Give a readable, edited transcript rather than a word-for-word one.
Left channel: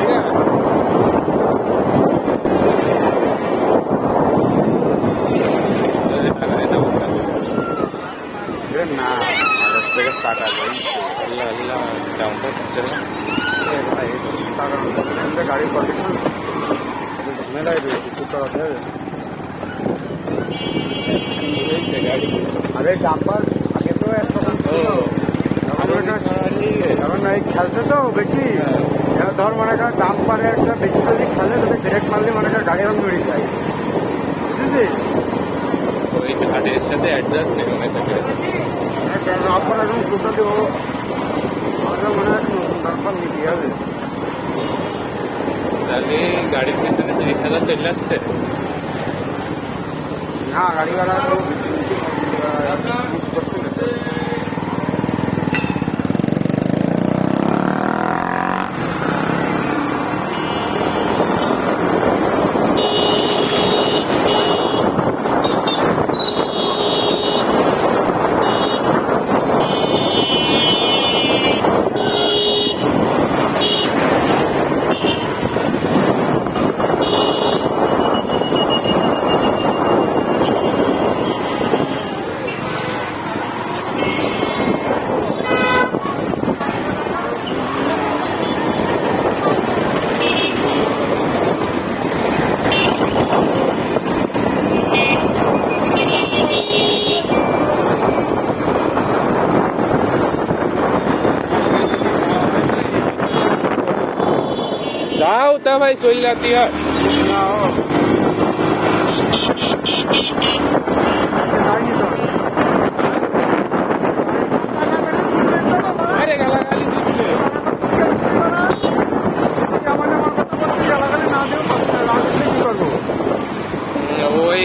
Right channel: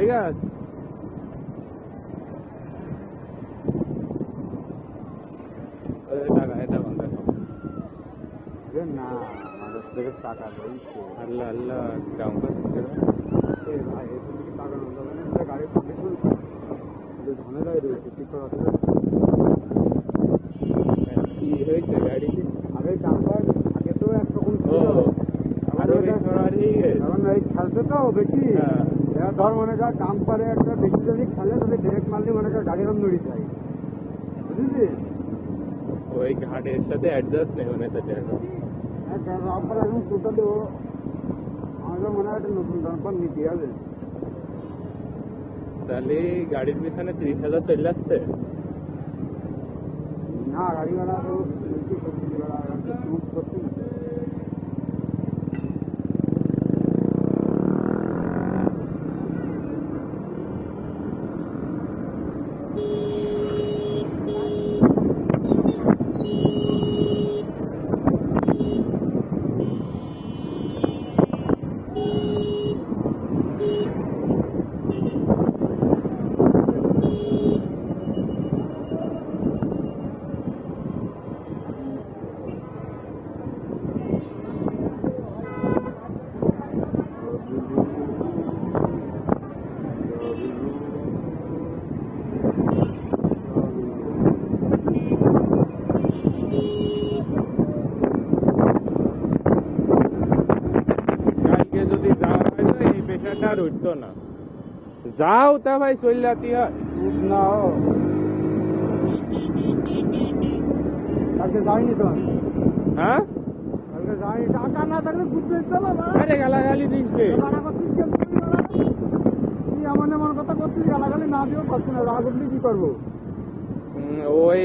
ঠিক আছে না আমাদের থেকে টাকা দেই আল্লাহ আল্লাহ ডাউন করছে গাড়ির কন্ডিশন ঝামেলাই রয়েছে কি করা যায় হয়েছে গাড়ি আরে ডাম্পার আগে তো একরকম ছিল এখন এই খেলছে তো বেশি এবার ধর মনে কর ডাম্পারে একটা বেশি যদি খেলে তাহলে ব্রেক মারলে মনে কর গাড়ি এখন নড়ে যায় বুঝেছিস ওই ঘাটের সাথে অ্যাডজাস্ট নেই মনে থাকে ডাম্পার এখন টোটালি ও আমাদের মনে হয় নতুন ডাম্পার নিতে হবে তাহলে গাড়ির পিছনে 30,000 চলে আসছে না গাড়ি ভাড়া তো করছে না যাও তা ভাই চলে যাতি আর না ও যাইনি তো হ্যাঁ আরে গালাগালি দিচ্ছে আমার কথা বলছি গালাগালি না দিয়েও পারছি না রাগ উঠলে কি করবো ওই